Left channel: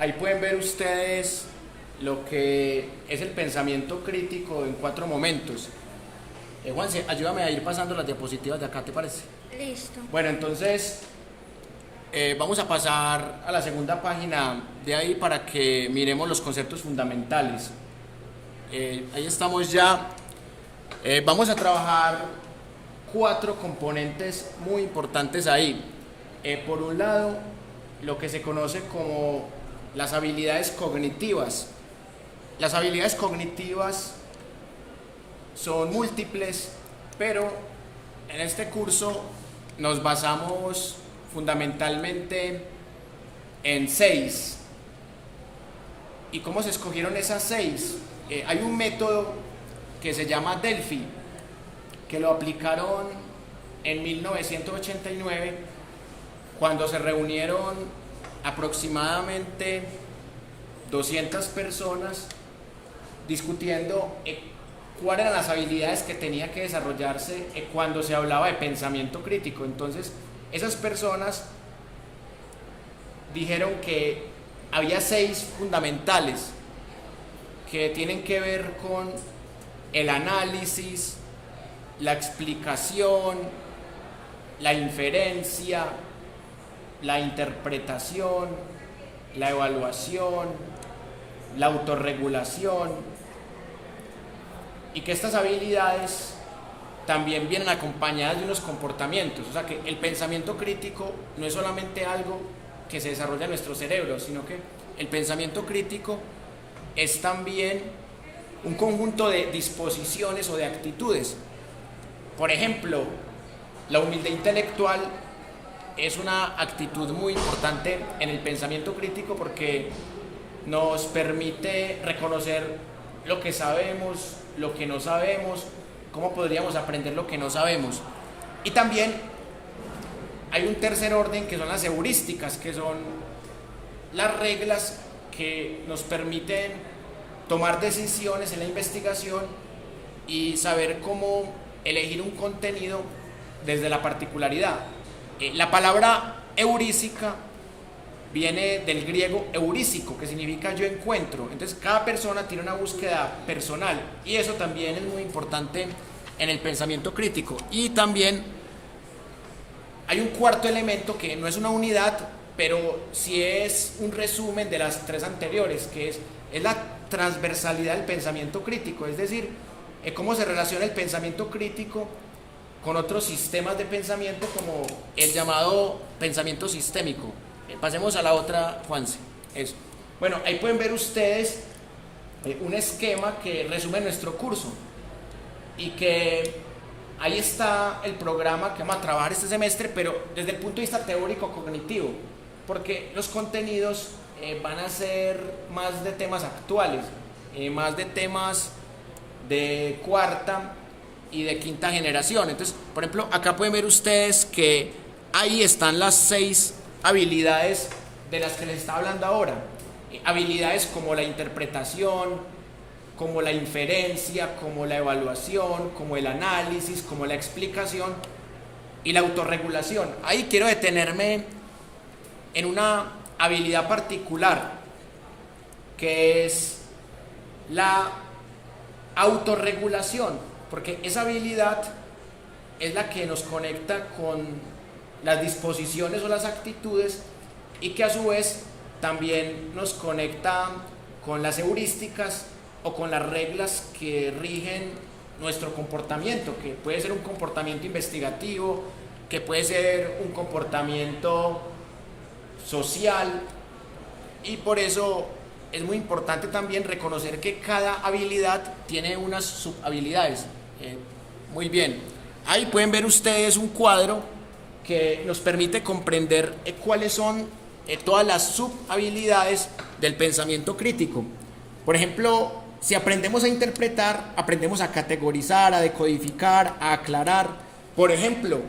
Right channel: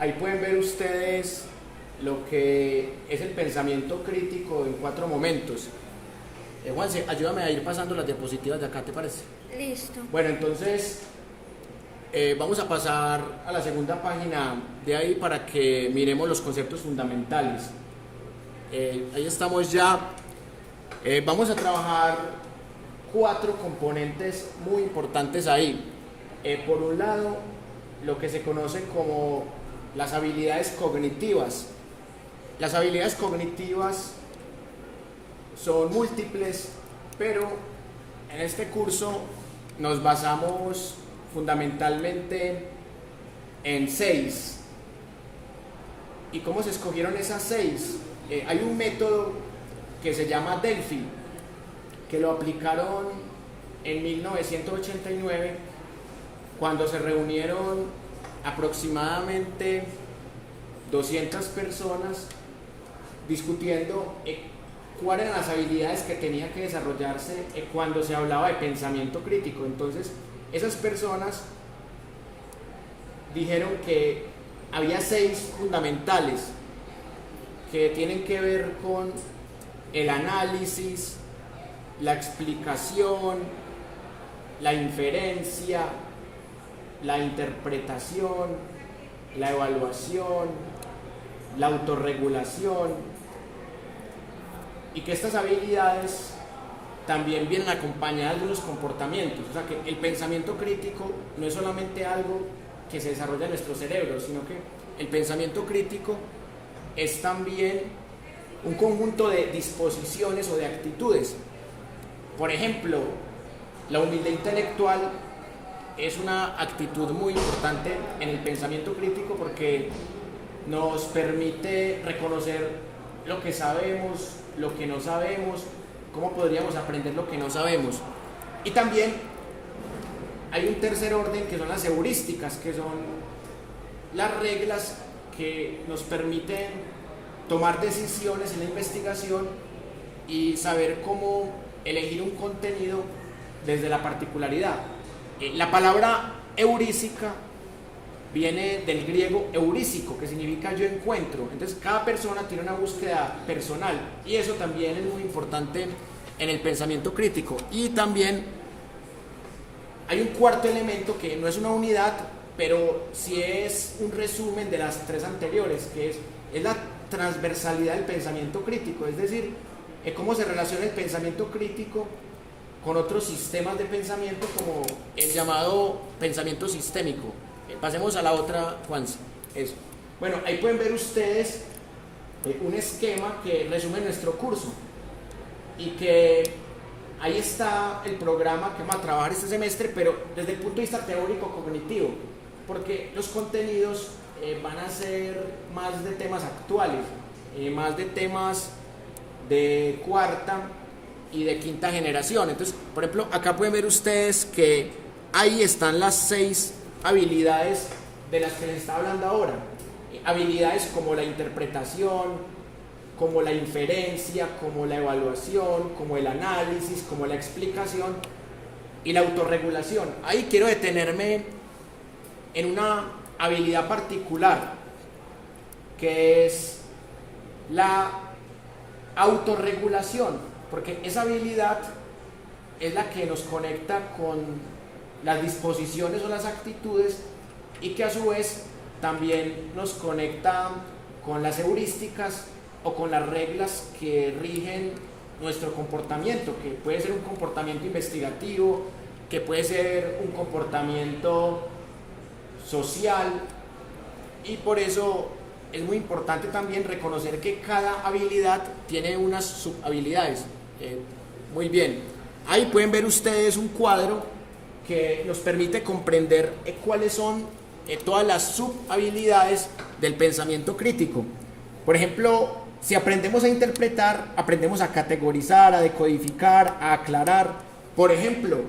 ahí pueden ver ustedes lo que es el pensamiento crítico en 4 momentos. Juanse, ayúdame a ir pasando las diapositivas de acá, ¿te parece? Listo. Bueno, entonces vamos a pasar a la segunda página de ahí para que miremos los conceptos fundamentales. Ahí estamos ya. Vamos a trabajar 4 componentes muy importantes ahí. Por un lado, lo que se conoce como las habilidades cognitivas. Las habilidades cognitivas son múltiples, pero en este curso nos basamos fundamentalmente en 6. ¿Y cómo se escogieron esas 6? Hay un método que se llama Delphi, que lo aplicaron en 1989, cuando se reunieron aproximadamente 200 personas discutiendo cuáles eran las habilidades que tenía que desarrollarse cuando se hablaba de pensamiento crítico. Entonces, esas personas dijeron que había 6 fundamentales que tienen que ver con el análisis, la explicación, la inferencia, la interpretación, la evaluación, la autorregulación, y que estas habilidades también vienen acompañadas de unos comportamientos. O sea que el pensamiento crítico no es solamente algo que se desarrolla en nuestro cerebro, sino que el pensamiento crítico es también un conjunto de disposiciones o de actitudes. Por ejemplo, la humildad intelectual es una actitud muy importante en el pensamiento crítico porque nos permite reconocer lo que sabemos, lo que no sabemos, cómo podríamos aprender lo que no sabemos. Y también hay un tercer orden que son las heurísticas, que son las reglas que nos permiten tomar decisiones en la investigación y saber cómo elegir un contenido desde la particularidad. La palabra heurística viene del griego eurísico, que significa yo encuentro. Entonces cada persona tiene una búsqueda personal y eso también es muy importante en el pensamiento crítico. Y también hay un cuarto elemento que no es una unidad, pero sí es un resumen de las 3 anteriores, que es la transversalidad del pensamiento crítico, es decir, cómo se relaciona el pensamiento crítico con otros sistemas de pensamiento, como el llamado pensamiento sistémico. Pasemos a la otra, Juanse. Eso. Bueno, ahí pueden ver ustedes un esquema que resume nuestro curso y que ahí está el programa que vamos a trabajar este semestre, pero desde el punto de vista teórico-cognitivo, porque los contenidos van a ser más de temas actuales, más de temas de 4ª y de 5ª generación. Entonces, por ejemplo, acá pueden ver ustedes que ahí están las 6 habilidades de las que les está hablando ahora. Habilidades como la interpretación, como la inferencia, como la evaluación, como el análisis, como la explicación y la autorregulación. Ahí quiero detenerme en una habilidad particular, que es la autorregulación, porque esa habilidad es la que nos conecta con las disposiciones o las actitudes y que a su vez también nos conecta con las heurísticas o con las reglas que rigen nuestro comportamiento, que puede ser un comportamiento investigativo, que puede ser un comportamiento social, y por eso es muy importante también reconocer que cada habilidad tiene unas subhabilidades. Muy bien, ahí pueden ver ustedes un cuadro que nos permite comprender cuáles son todas las subhabilidades del pensamiento crítico. Por ejemplo, si aprendemos a interpretar, aprendemos a categorizar, a decodificar, a aclarar. Por ejemplo,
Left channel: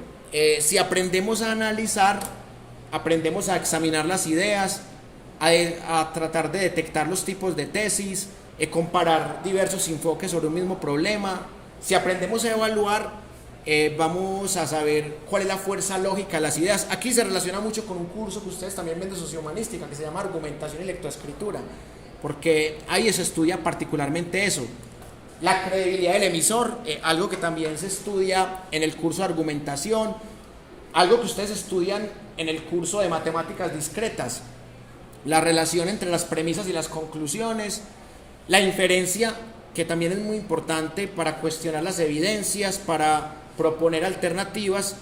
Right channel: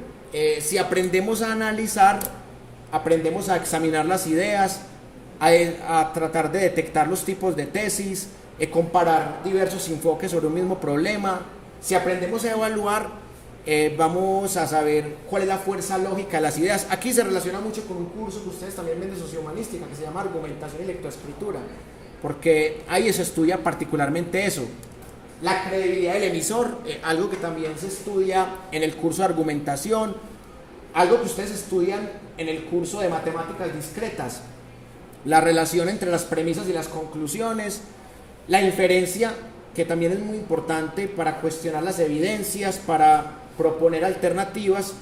si aprendemos a analizar, aprendemos a examinar las ideas, a tratar de detectar los tipos de tesis, comparar diversos enfoques sobre un mismo problema. Si aprendemos a evaluar, vamos a saber cuál es la fuerza lógica de las ideas. Aquí se relaciona mucho con un curso que ustedes también ven de sociohumanística, que se llama Argumentación y Lectoescritura, porque ahí se estudia particularmente eso, la credibilidad del emisor, algo que también se estudia en el curso de argumentación, algo que ustedes estudian en el curso de matemáticas discretas, la relación entre las premisas y las conclusiones, la inferencia, que también es muy importante para cuestionar las evidencias, para proponer alternativas,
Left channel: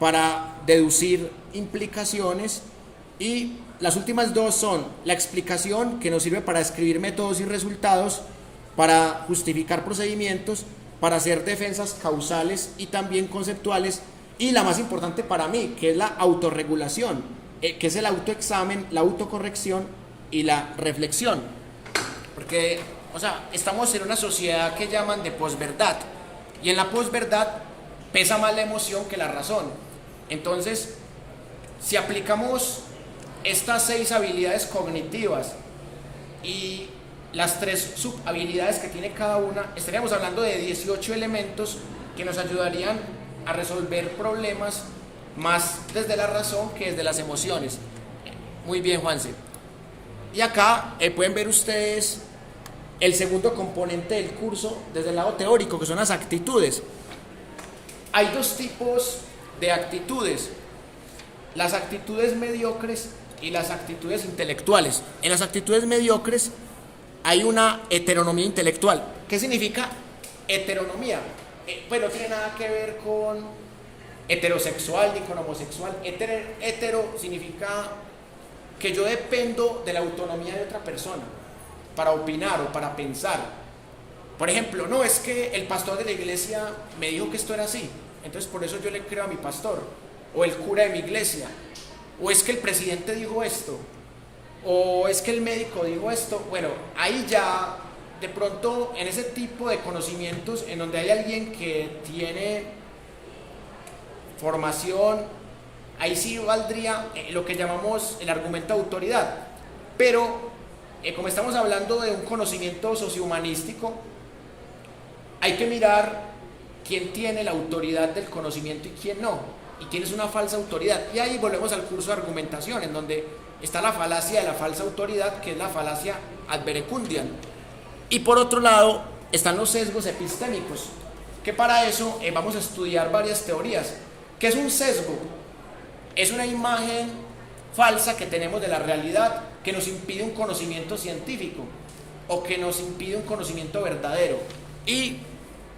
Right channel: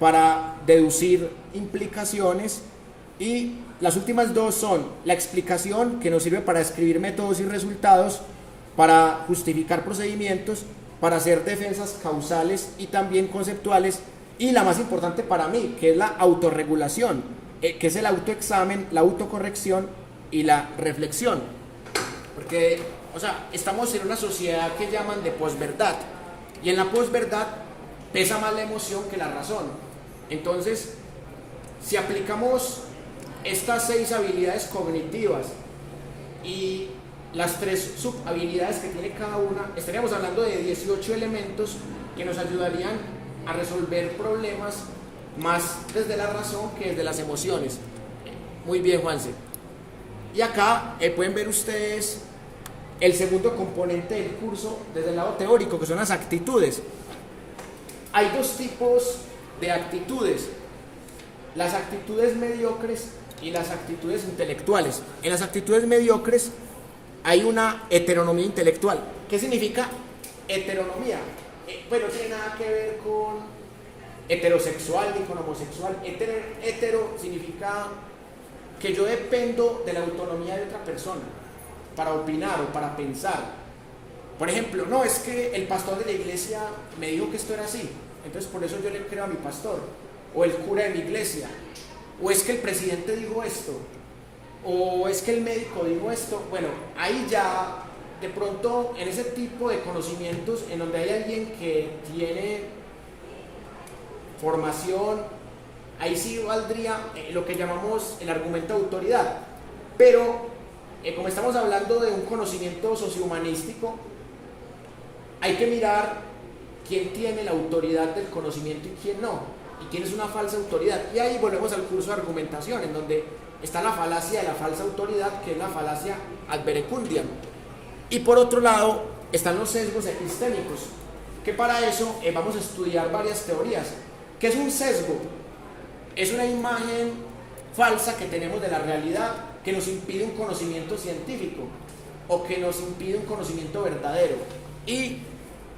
para deducir implicaciones, y las últimas dos son la explicación, que nos sirve para describir métodos y resultados, para justificar procedimientos, para hacer defensas causales y también conceptuales, y la más importante para mí, que es la autorregulación, que es el autoexamen, la autocorrección y la reflexión. Porque, o sea, estamos en una sociedad que llaman de posverdad, y en la posverdad pesa más la emoción que la razón. Entonces, si aplicamos estas 6 habilidades cognitivas y las 3 subhabilidades que tiene cada una, estaríamos hablando de 18 elementos que nos ayudarían a resolver problemas más desde la razón que desde las emociones. Muy bien, Juanse. Y acá pueden ver ustedes el segundo componente del curso desde el lado teórico, que son las actitudes. Hay 2 tipos de actitudes: las actitudes mediocres y las actitudes intelectuales. En las actitudes mediocres hay una heteronomía intelectual. ¿Qué significa heteronomía? Pues no tiene nada que ver con heterosexual ni con homosexual. Hetero significa que yo dependo de la autonomía de otra persona para opinar o para pensar. Por ejemplo, no, es que el pastor de la iglesia me dijo que esto era así, entonces por eso yo le creo a mi pastor, o el cura de mi iglesia, o es que el presidente dijo esto, o es que el médico dijo esto. Bueno, ahí ya de pronto en ese tipo de conocimientos en donde hay alguien que tiene formación, ahí sí valdría lo que llamamos el argumento de autoridad. Pero como estamos hablando de un conocimiento sociohumanístico, hay que mirar quién tiene la autoridad del conocimiento y quién no, y quién es una falsa autoridad. Y ahí volvemos al curso de argumentación, en donde está la falacia de la falsa autoridad, que es la falacia ad verecundiam. Y por otro lado están los sesgos epistémicos, que para eso vamos a estudiar varias teorías. ¿Qué es un sesgo? Es una imagen falsa que tenemos de la realidad que nos impide un conocimiento científico o que nos impide un conocimiento verdadero. Y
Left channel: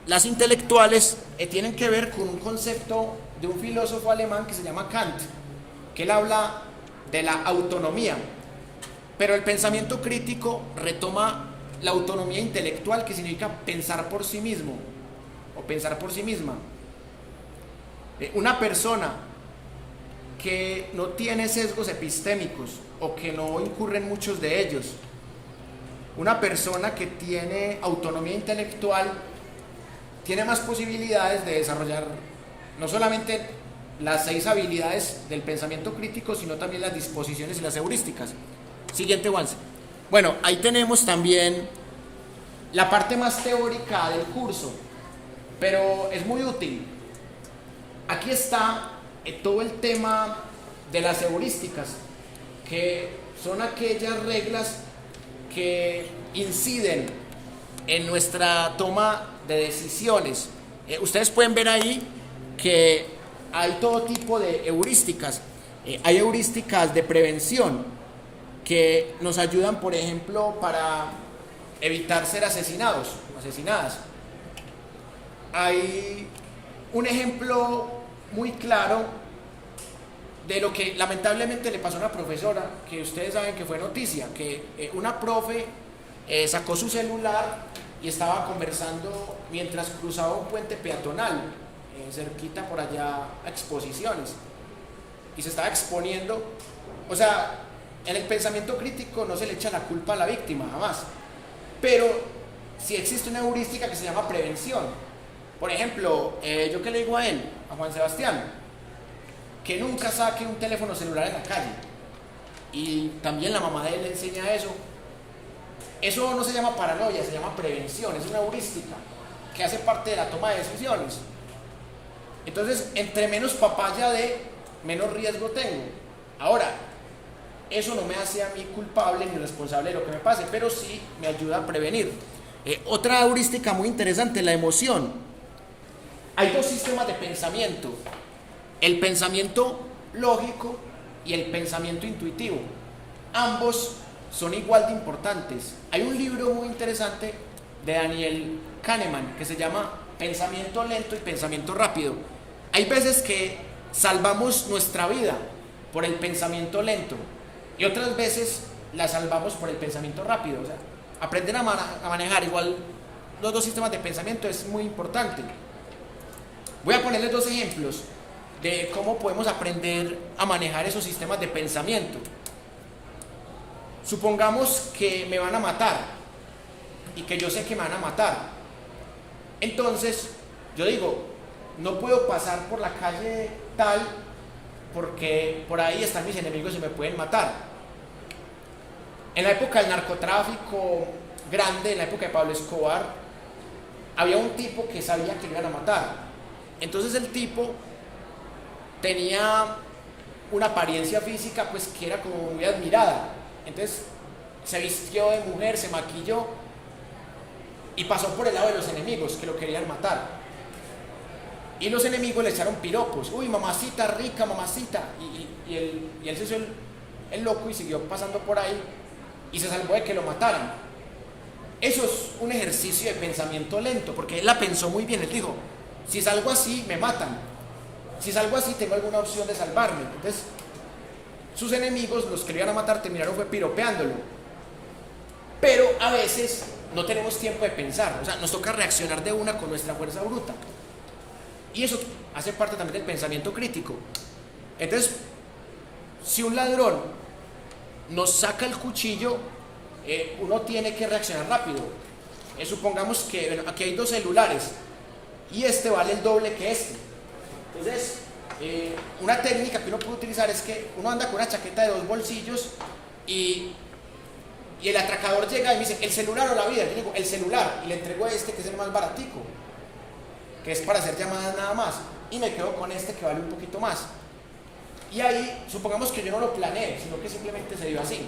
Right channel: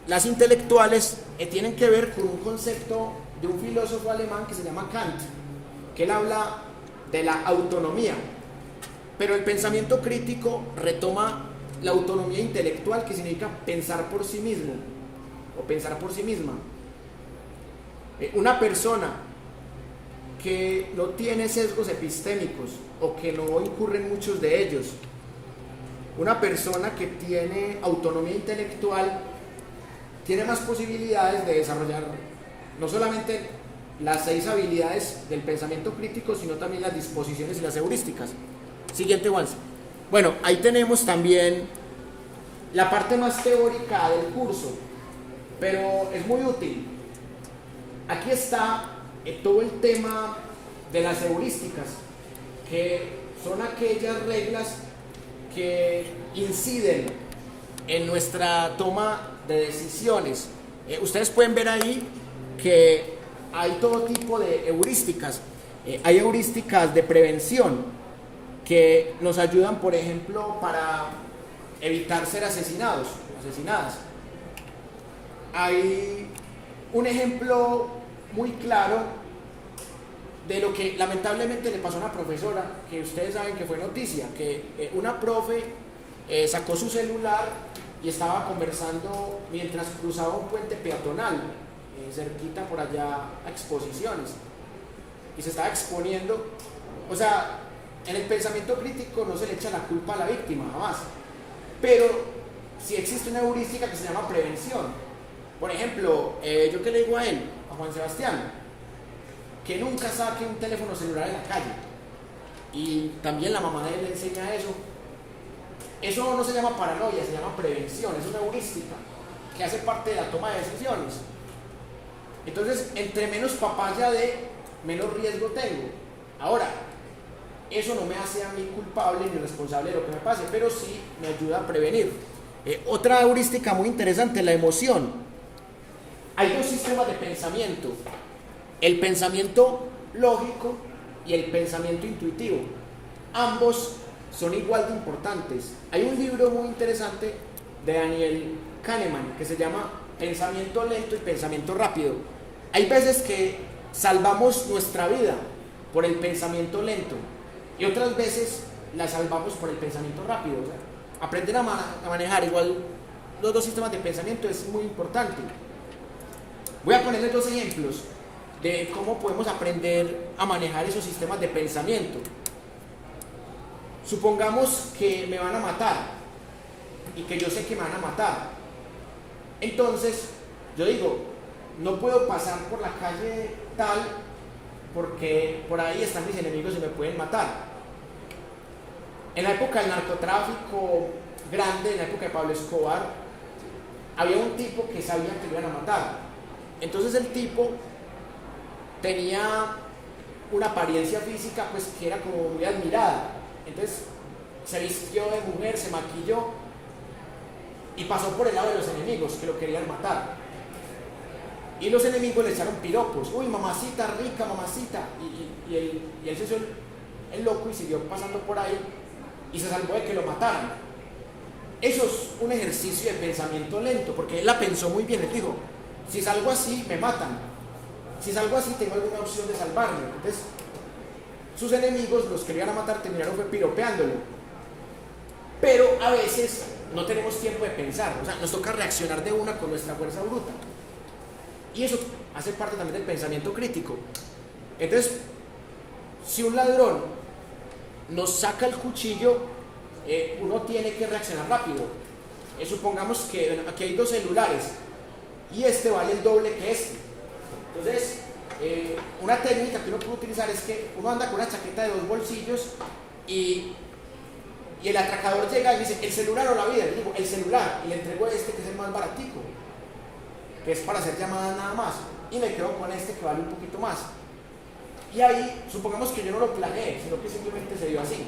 las intelectuales tienen que ver con un concepto de un filósofo alemán que se llama Kant, que él habla de la autonomía, pero el pensamiento crítico retoma la autonomía intelectual, que significa pensar por sí mismo o pensar por sí misma. Una persona que no tiene sesgos epistémicos o que no incurre en muchos de ellos, una persona que tiene autonomía intelectual, tiene más posibilidades de desarrollar no solamente las 6 habilidades del pensamiento crítico, sino también las disposiciones y las heurísticas. Siguiente, Juanse. Bueno, ahí tenemos también la parte más teórica del curso, pero es muy útil. Aquí está todo el tema de las heurísticas, que son aquellas reglas que inciden en nuestra toma de decisiones. Ustedes pueden ver ahí que hay todo tipo de heurísticas. Hay heurísticas de prevención que nos ayudan, por ejemplo, para evitar ser asesinados o asesinadas. Hay un ejemplo muy claro de lo que lamentablemente le pasó a una profesora, que ustedes saben que fue noticia, que una profe sacó su celular y estaba conversando mientras cruzaba un puente peatonal, cerquita por allá a Exposiciones, y se estaba exponiendo. O sea, en el pensamiento crítico no se le echa la culpa a la víctima, jamás, pero sí existe una heurística que se llama prevención. Por ejemplo, yo que le digo a él, a Juan Sebastián, que nunca saque un teléfono celular en la calle, y también la mamá de él le enseña eso. Eso no se llama paranoia, se llama prevención, es una heurística que hace parte de la toma de decisiones. Entonces, entre menos papaya de, menos riesgo tengo. Ahora, eso no me hace a mí culpable ni responsable de lo que me pase, pero sí me ayuda a prevenir. Otra heurística muy interesante, la emoción. Hay dos sistemas de pensamiento: el pensamiento lógico y el pensamiento intuitivo. Ambos son igual de importantes. Hay un libro muy interesante de Daniel Kahneman que se llama Pensamiento lento y pensamiento rápido. Hay veces que salvamos nuestra vida por el pensamiento lento y otras veces la salvamos por el pensamiento rápido. O sea, aprender a manejar igual los dos sistemas de pensamiento es muy importante. Voy a ponerles dos ejemplos de cómo podemos aprender a manejar esos sistemas de pensamiento. Supongamos que me van a matar y que yo sé que me van a matar. Entonces, yo digo, no puedo pasar por la calle tal porque por ahí están mis enemigos y me pueden matar. En la época del narcotráfico grande, en la época de Pablo Escobar, había un tipo que sabía que lo iban a matar. Entonces el tipo tenía una apariencia física pues que era como muy admirada. Entonces se vistió de mujer, se maquilló y pasó por el lado de los enemigos que lo querían matar. Y los enemigos le echaron piropos: uy, mamacita rica, mamacita. Y él se hizo el loco y siguió pasando por ahí y se salvó de que lo mataran. Eso es un ejercicio de pensamiento lento, porque él la pensó muy bien. Él dijo: si salgo así, me matan. Si salgo así, tengo alguna opción de salvarme. Entonces, sus enemigos, los que lo iban a matar, terminaron fue piropeándolo. Pero a veces no tenemos tiempo de pensar, o sea, nos toca reaccionar de una con nuestra fuerza bruta. Y eso hace parte también del pensamiento crítico. Entonces, si un ladrón nos saca el cuchillo, uno tiene que reaccionar rápido. Supongamos que aquí hay dos celulares y este vale el doble que este. Entonces, una técnica que uno puede utilizar es que uno anda con una chaqueta de 2 bolsillos y el atracador llega y me dice: ¿el celular o la vida? Yo digo: el celular, y le entrego este que es el más baratico, que es para hacer llamadas nada más, y me quedo con este que vale un poquito más. Y ahí, supongamos que yo no lo planeé, sino que simplemente se dio así.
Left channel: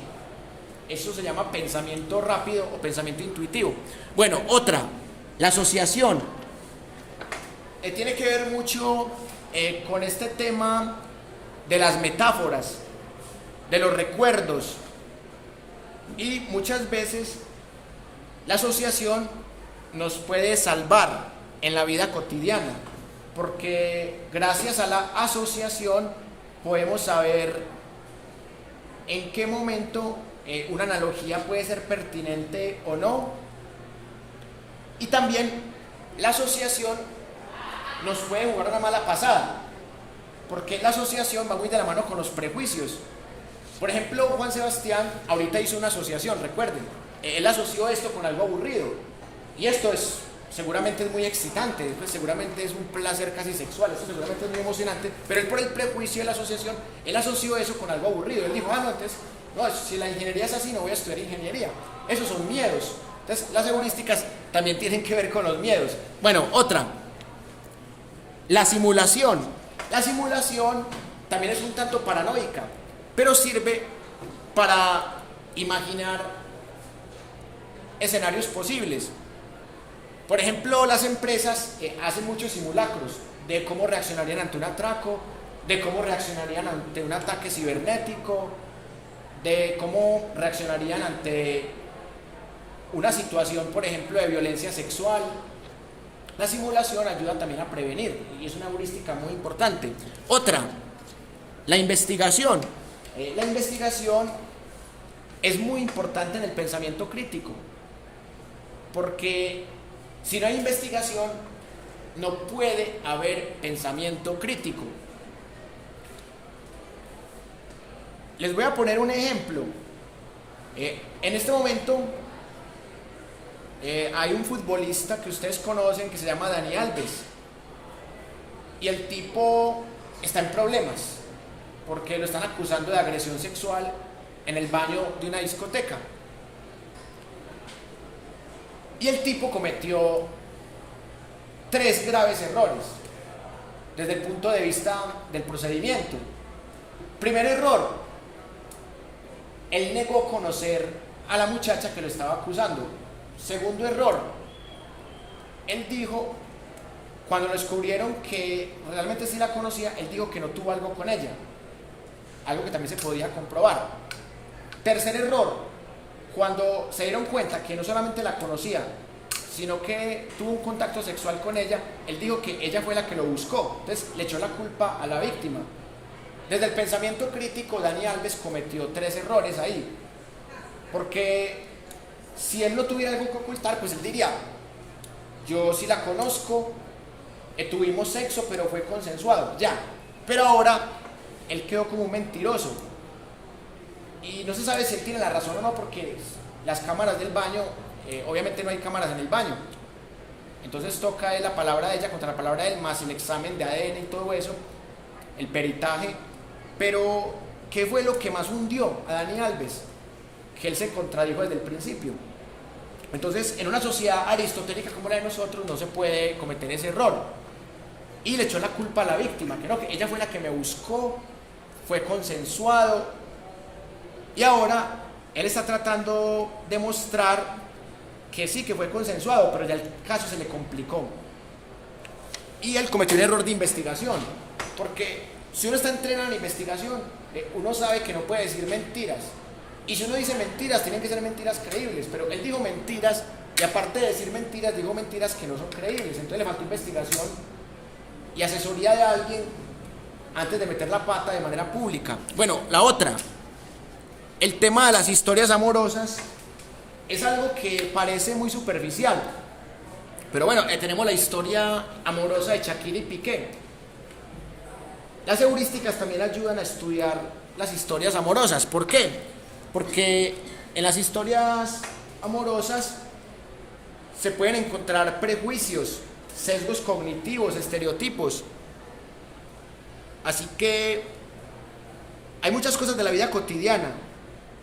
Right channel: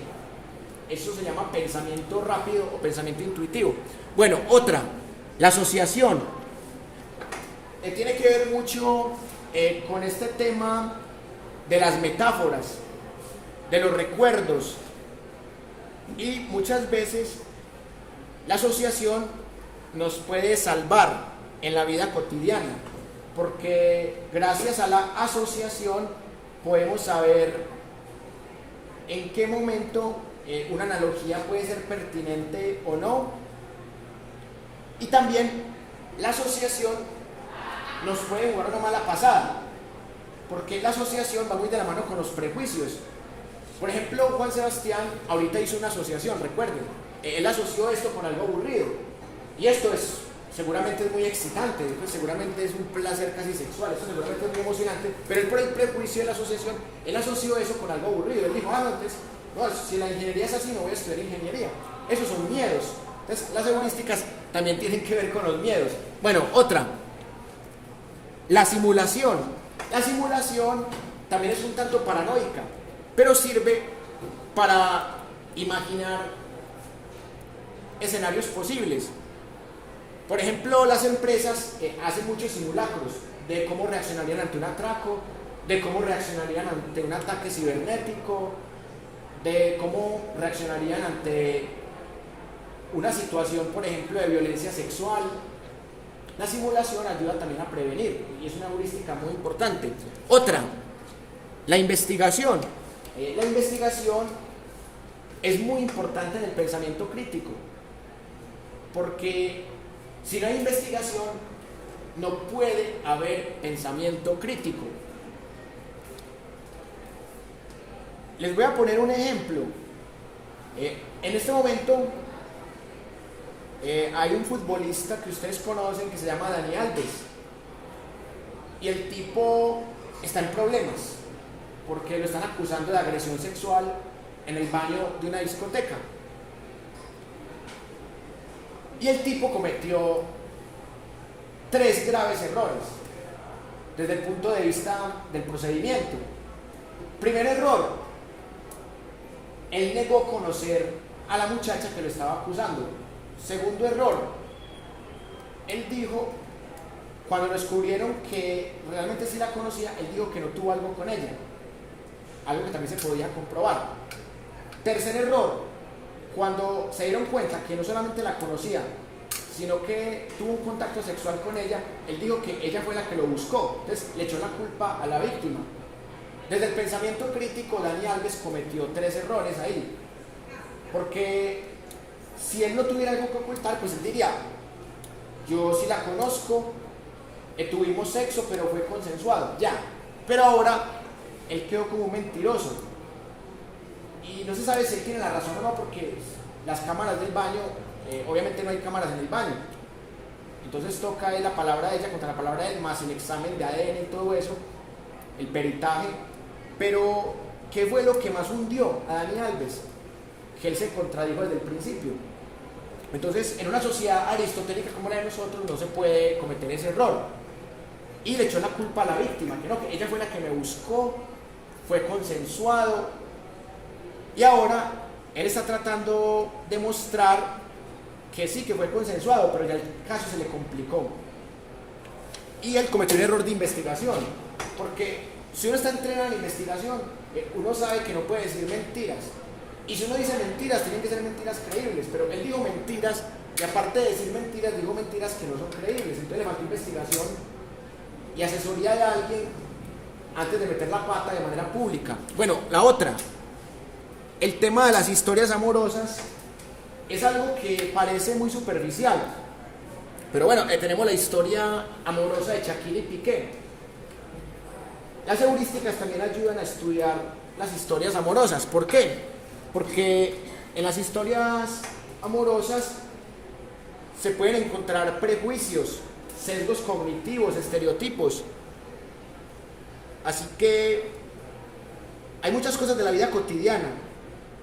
Eso se llama pensamiento rápido o pensamiento intuitivo. Bueno, otra, la asociación. Tiene que ver mucho con este tema de las metáforas, de los recuerdos. Y muchas veces la asociación nos puede salvar en la vida cotidiana, porque gracias a la asociación podemos saber en qué momento una analogía puede ser pertinente o no. Y también la asociación nos puede jugar una mala pasada, porque la asociación va muy de la mano con los prejuicios. Por ejemplo, Juan Sebastián ahorita hizo una asociación, recuerden, él asoció esto con algo aburrido, y esto seguramente es muy excitante, seguramente es un placer casi sexual, esto seguramente es muy emocionante, pero él, por el prejuicio de la asociación, él asoció eso con algo aburrido. Él dijo: no, entonces, no, si la ingeniería es así, no voy a estudiar ingeniería. Esos son miedos. Entonces, las heurísticas también tienen que ver con los miedos. Bueno, otra, la simulación. La simulación también es un tanto paranoica, pero sirve para imaginar escenarios posibles. Por ejemplo, las empresas hacen muchos simulacros de cómo reaccionarían ante un atraco, de cómo reaccionarían ante un ataque cibernético, de cómo reaccionarían ante una situación, por ejemplo, de violencia sexual. La simulación ayuda también a prevenir y es una heurística muy importante. Otra, la investigación. La investigación es muy importante en el pensamiento crítico, porque si no hay investigación, no puede haber pensamiento crítico. Les voy a poner un ejemplo. En este momento hay un futbolista que ustedes conocen que se llama Dani Alves, y el tipo está en problemas porque lo están acusando de agresión sexual en el baño de una discoteca. Y el tipo cometió 3 graves errores. desde el punto de vista del procedimiento. Primer error, él negó conocer a la muchacha que lo estaba acusando. Segundo error, él dijo, cuando descubrieron que realmente sí la conocía, él dijo que no tuvo algo con ella, algo que también se podía comprobar. Tercer error, cuando se dieron cuenta que no solamente la conocía, sino que tuvo un contacto sexual con ella, él dijo que ella fue la que lo buscó, entonces le echó la culpa a la víctima. Desde el pensamiento crítico, Dani Alves cometió 3 errores ahí, porque si él no tuviera algo que ocultar, pues él diría, yo sí la conozco, tuvimos sexo, pero fue consensuado, ya. Pero ahora, él quedó como un mentiroso. Y no se sabe si él tiene la razón o no, porque las cámaras del baño, obviamente no hay cámaras en el baño. Entonces toca la palabra de ella contra la palabra de él, más el examen de ADN y todo eso, el peritaje. Pero, ¿qué fue lo que más hundió a Dani Alves? Que él se contradijo desde el principio. Entonces, en una sociedad aristotélica como la de nosotros, no se puede cometer ese error. Y le echó la culpa a la víctima, que no, que ella fue la que me buscó, fue consensuado. Y ahora, él está tratando de mostrar que sí, que fue consensuado, pero ya el caso se le complicó. Y él cometió un error de investigación, porque si uno está entrenado en investigación, uno sabe que no puede decir mentiras. Y si uno dice mentiras, tienen que ser mentiras creíbles, pero él dijo mentiras, y aparte de decir mentiras, dijo mentiras que no son creíbles. Entonces le faltó investigación y asesoría de alguien antes de meter la pata de manera pública. Bueno, la otra, el tema de las historias amorosas es algo que parece muy superficial, pero bueno, tenemos la historia amorosa de Shakira y Piqué. Las heurísticas también ayudan a estudiar las historias amorosas. ¿Por qué? Porque en las historias amorosas se pueden encontrar prejuicios, sesgos cognitivos, estereotipos. Así que hay muchas cosas de la vida cotidiana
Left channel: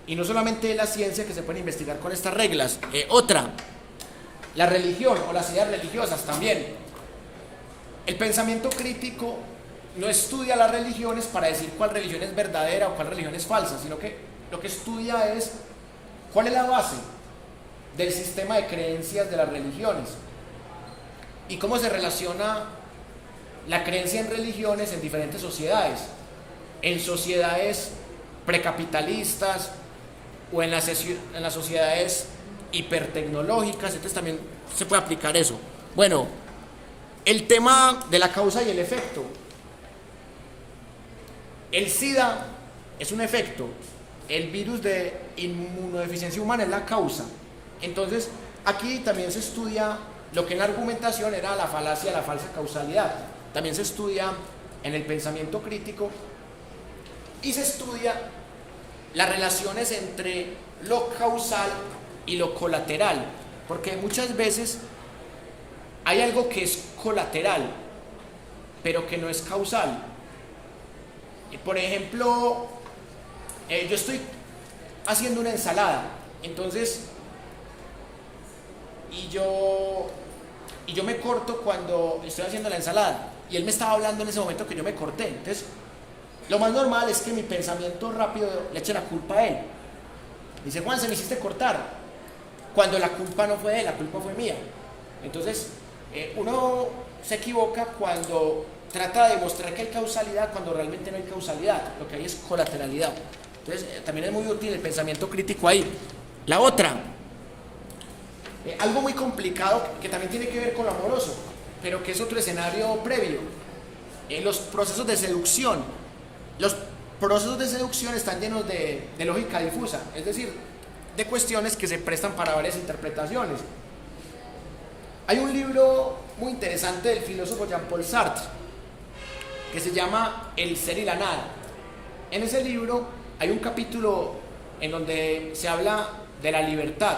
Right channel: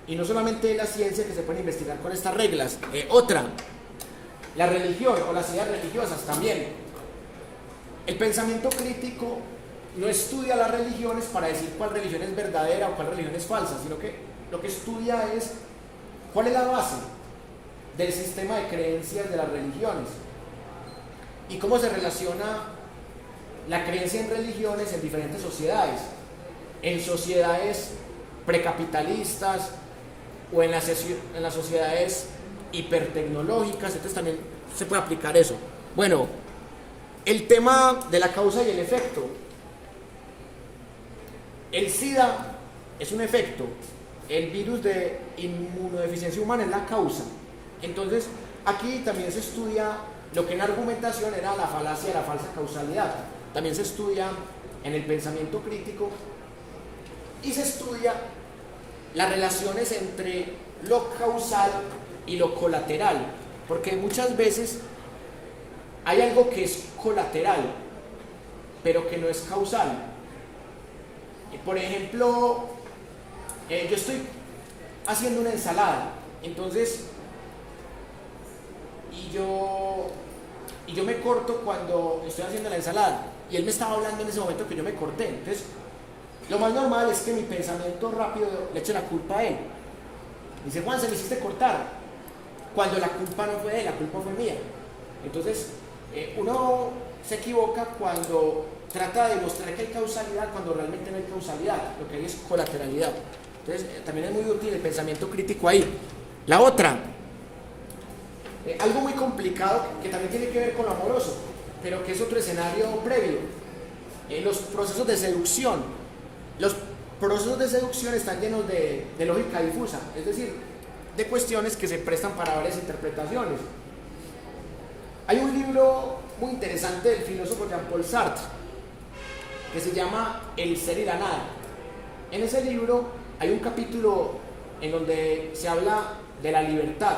y no solamente de la ciencia que se pueden investigar con estas reglas. Otra, la religión o las ideas religiosas también. El pensamiento crítico no estudia las religiones para decir cuál religión es verdadera o cuál religión es falsa, sino que lo que estudia es cuál es la base del sistema de creencias de las religiones y cómo se relaciona la creencia en religiones en diferentes sociedades, en sociedades precapitalistas o en las sociedades hipertecnológicas. Entonces también se puede aplicar eso. Bueno, el tema de la causa y el efecto. El SIDA es un efecto, el virus de inmunodeficiencia humana es la causa. Entonces, aquí también se estudia lo que en la argumentación era la falacia de la falsa causalidad. También se estudia en el pensamiento crítico y se estudia las relaciones entre lo causal y lo colateral, porque muchas veces hay algo que es colateral, pero que no es causal. Por ejemplo, yo estoy haciendo una ensalada, entonces, y yo me corto cuando estoy haciendo la ensalada, y él me estaba hablando en ese momento que yo me corté. Entonces, lo más normal es que mi pensamiento rápido le eche la culpa a él. Dice, Juan, se me hiciste cortar, cuando la culpa no fue de él, la culpa fue mía. Entonces, uno se equivoca cuando trata de demostrar que hay causalidad cuando realmente no hay causalidad, lo que hay es colateralidad. Entonces, también es muy útil el pensamiento crítico ahí. La otra, algo muy complicado que también tiene que ver con lo amoroso, pero que es otro escenario previo, los procesos de seducción. Los procesos de seducción están llenos de lógica difusa, es decir, de cuestiones que se prestan para varias interpretaciones. Hay un libro muy interesante del filósofo Jean-Paul Sartre que se llama El ser y la nada. En ese libro hay un capítulo en donde se habla de la libertad.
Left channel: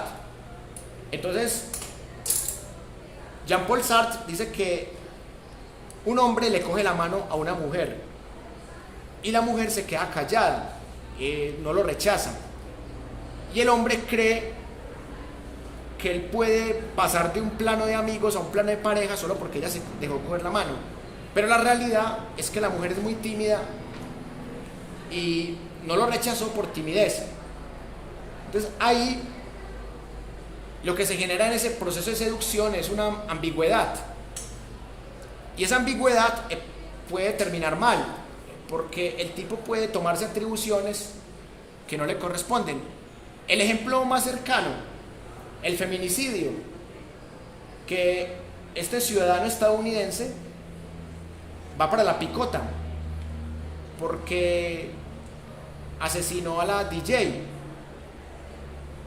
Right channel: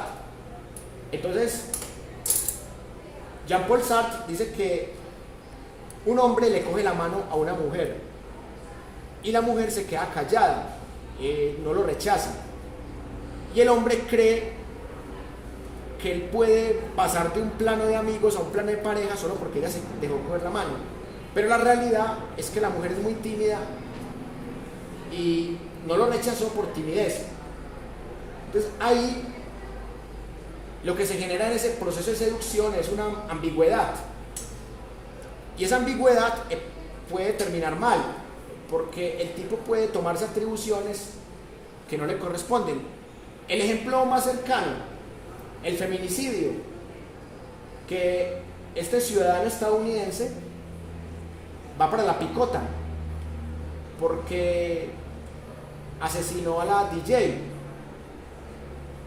Entonces, Jean-Paul Sartre dice que un hombre le coge la mano a una mujer y la mujer se queda callada, no lo rechaza, y el hombre cree que él puede pasar de un plano de amigos a un plano de pareja solo porque ella se dejó coger la mano. Pero la realidad es que la mujer es muy tímida y no lo rechazó por timidez. Entonces ahí lo que se genera en ese proceso de seducción es una ambigüedad. Y esa ambigüedad puede terminar mal, porque el tipo puede tomarse atribuciones que no le corresponden. El ejemplo más cercano, el feminicidio, que este ciudadano estadounidense va para la picota porque asesinó a la DJ,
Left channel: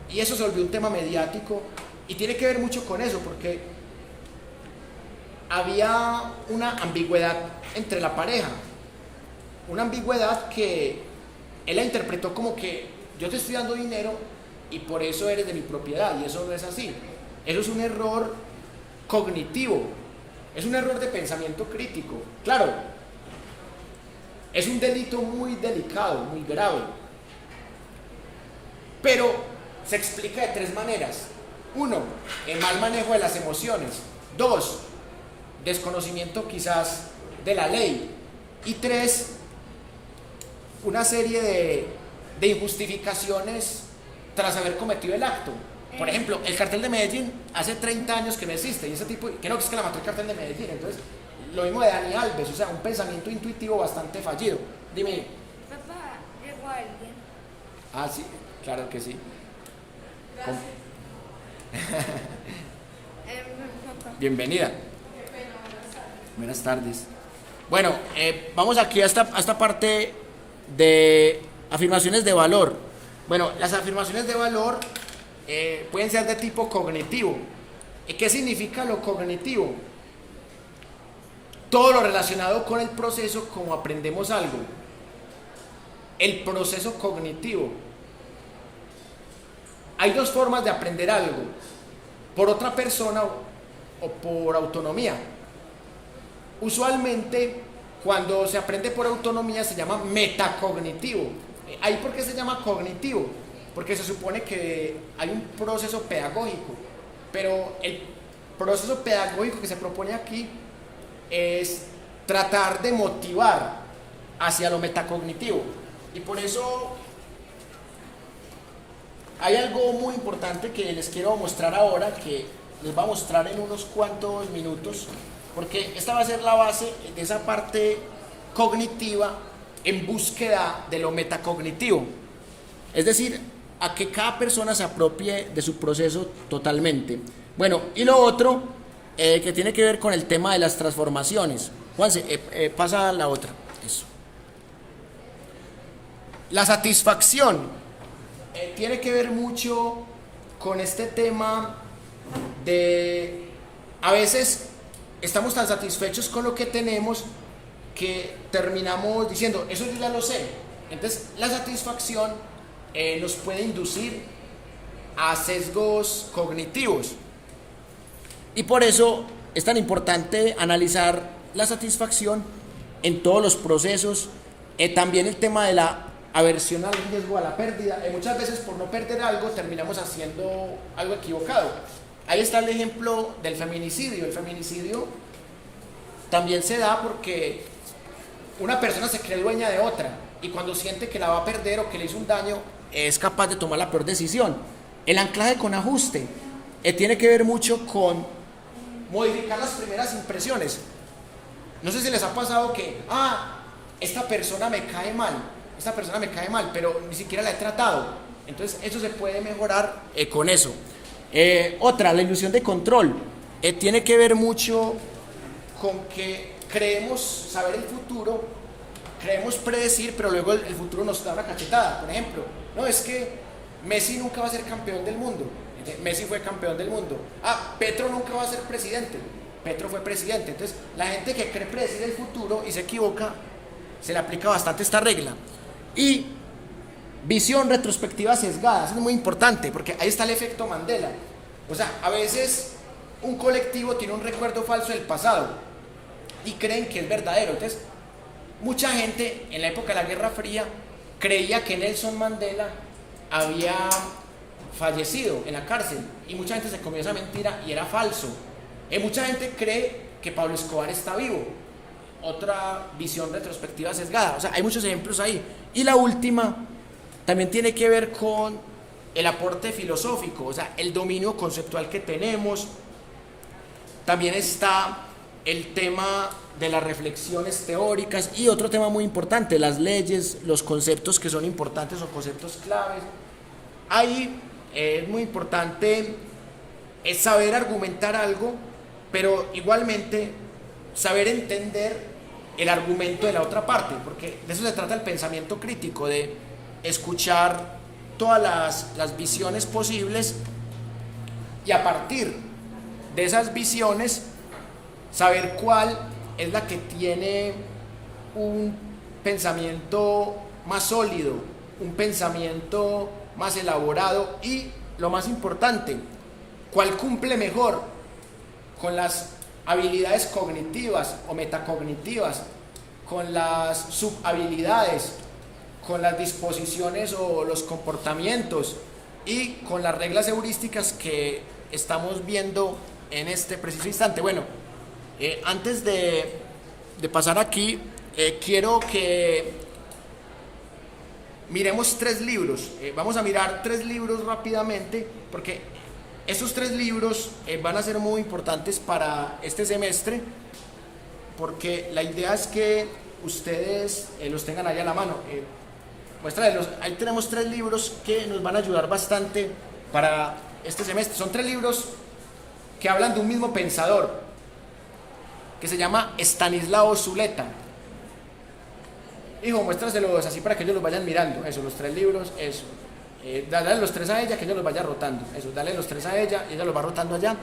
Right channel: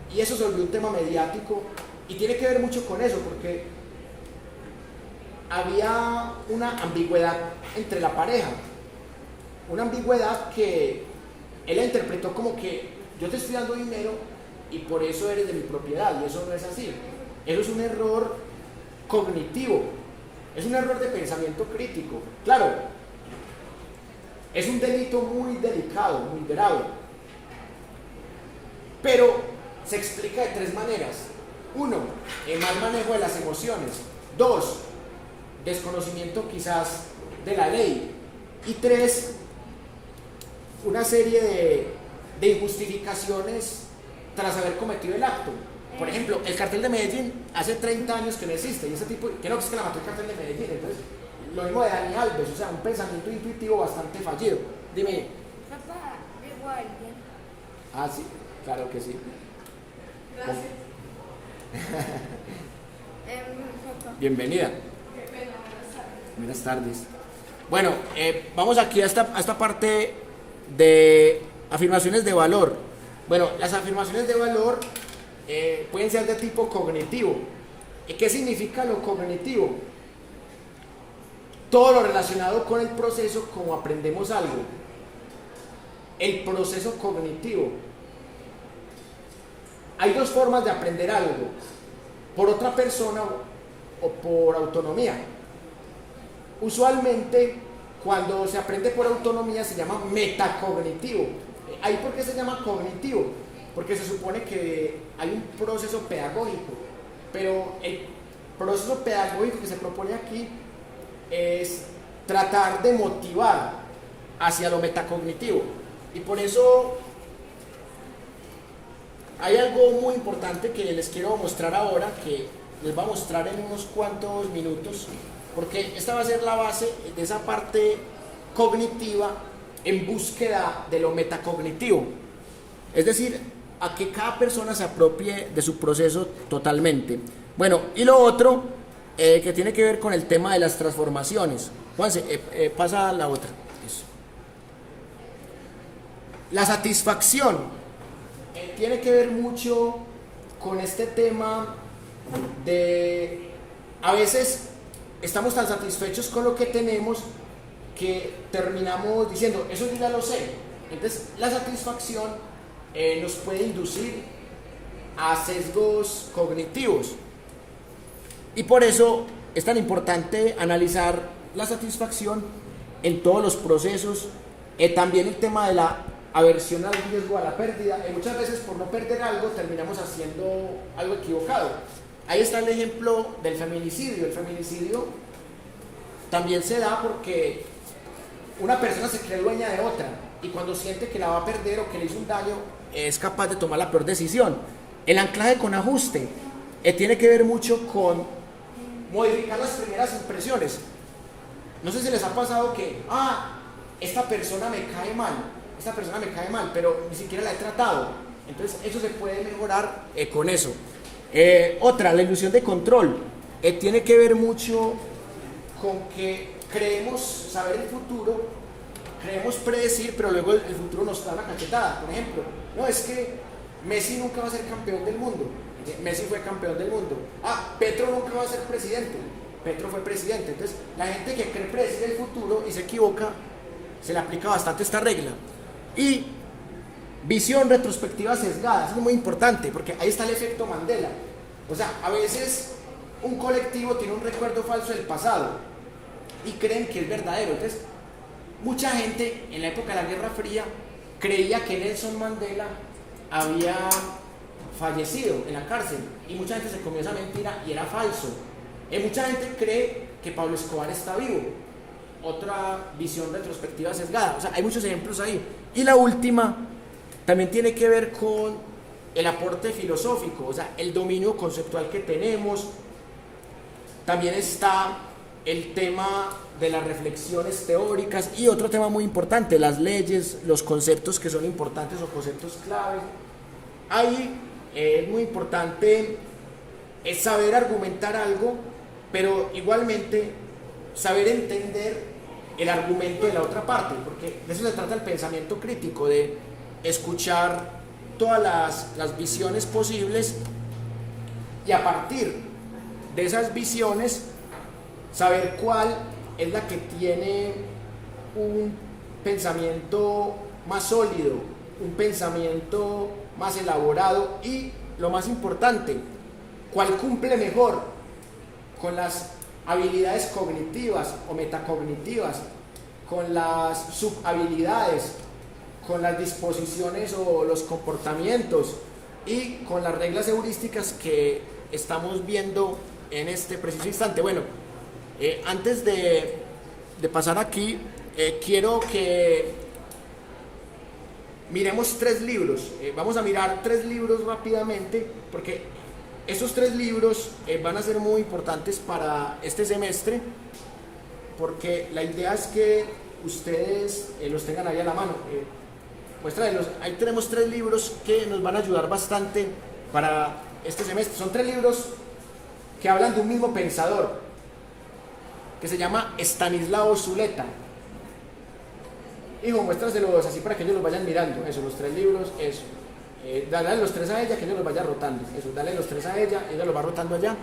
y eso se volvió un tema mediático y tiene que ver mucho con eso, porque había una ambigüedad entre la pareja, una ambigüedad que él la interpretó como que yo te estoy dando dinero y por eso eres de mi propiedad, y eso no es así. Eso es un error cognitivo, es un error de pensamiento crítico. Claro, es un delito muy delicado, muy grave, pero se explica de tres maneras. Uno, el mal manejo de las emociones. Dos, desconocimiento quizás de la ley. Y tres, una serie de injustificaciones tras haber cometido el acto. Por ejemplo, el cartel de Medellín hace 30 años que no existe, y ese tipo, que no, que es que la mató el cartel de Medellín. Entonces, lo mismo de Dani Alves, o sea, un pensamiento intuitivo bastante fallido. Dime. Papá, llegó alguien. Ah, sí, claro que sí. Gracias. Papá. Bienvenida. Buenas tardes. Bueno, vamos aquí a esta parte de afirmaciones de valor. Bueno, las afirmaciones de valor pueden ser de tipo cognitivo. ¿Y qué significa lo cognitivo? Todo lo relacionado con el proceso, como aprendemos algo. El proceso cognitivo. Hay dos formas de aprender algo: por otra persona o por autonomía. Usualmente, cuando se aprende por autonomía se llama metacognitivo. ¿Ahí por qué se llama cognitivo? Porque se supone que hay un proceso pedagógico, pero el proceso pedagógico que se propone aquí es tratar de motivar hacia lo metacognitivo. Y por eso hay algo muy importante que les quiero mostrar ahora, que les voy a mostrar en unos cuantos minutos, porque esta va a ser la base de esa parte cognitiva en búsqueda de lo metacognitivo. Es decir, a que cada persona se apropie de su proceso totalmente. Bueno, y lo otro que tiene que ver con el tema de las transformaciones. Juanse, pasa la otra. Eso. La satisfacción tiene que ver mucho con este tema de, a veces estamos tan satisfechos con lo que tenemos que terminamos diciendo, eso yo ya lo sé. Entonces la satisfacción nos puede inducir a sesgos cognitivos, y por eso es tan importante analizar la satisfacción en todos los procesos. También el tema de la aversión al riesgo, a la pérdida. Muchas veces por no perder algo terminamos haciendo algo equivocado. Ahí está el ejemplo del feminicidio. El feminicidio también se da porque una persona se cree dueña de otra, y cuando siente que la va a perder o que le hizo un daño, es capaz de tomar la peor decisión. El anclaje con ajuste tiene que ver mucho con modificar las primeras impresiones. No sé si les ha pasado que, esta persona me cae mal, pero ni siquiera la he tratado. Entonces eso se puede mejorar con eso. Otra, la ilusión de control, tiene que ver mucho con que creemos saber el futuro, creemos predecir, pero luego el futuro nos da una cachetada. Por ejemplo, no, es que Messi nunca va a ser campeón del mundo. Messi fue campeón del mundo. Petro nunca va a ser presidente. Petro fue presidente. Entonces, la gente que cree predecir el futuro y se equivoca, se le aplica bastante esta regla. Y visión retrospectiva sesgada, es muy importante, porque ahí está el efecto Mandela. O sea, a veces un colectivo tiene un recuerdo falso del pasado y creen que es verdadero. Entonces, mucha gente en la época de la Guerra Fría creía que Nelson Mandela había fallecido en la cárcel, y mucha gente se comió esa mentira y era falso. Mucha gente cree que Pablo Escobar está vivo, otra visión retrospectiva sesgada. O sea, hay muchos ejemplos ahí. Y la última también tiene que ver con el aporte filosófico, o sea, el dominio conceptual que tenemos. También está el tema de las reflexiones teóricas y otro tema muy importante, las leyes, los conceptos que son importantes o conceptos claves. Ahí es muy importante saber argumentar algo, pero igualmente saber entender el argumento de la otra parte, porque de eso se trata el pensamiento crítico, de escuchar todas las visiones posibles y a partir de esas visiones saber cuál es la que tiene un pensamiento más sólido, un pensamiento más elaborado y, lo más importante, cuál cumple mejor con las habilidades cognitivas o metacognitivas, con las subhabilidades, con las disposiciones o los comportamientos y con las reglas heurísticas que estamos viendo en este preciso instante. Bueno, antes de pasar aquí, quiero que miremos 3 libros. Vamos a mirar 3 libros rápidamente, porque estos 3 libros van a ser muy importantes para este semestre, porque la idea es que ustedes los tengan ahí a la mano. Ahí tenemos 3 libros que nos van a ayudar bastante para este semestre. Son 3 libros que hablan de un mismo pensador, que se llama Estanislao Zuleta. Hijo, muéstraselos así para que ellos los vayan mirando. Eso, los 3 libros, eso. Dale los 3 a ella, que ella los vaya rotando. Eso, dale los 3 a ella, ella los va rotando allá.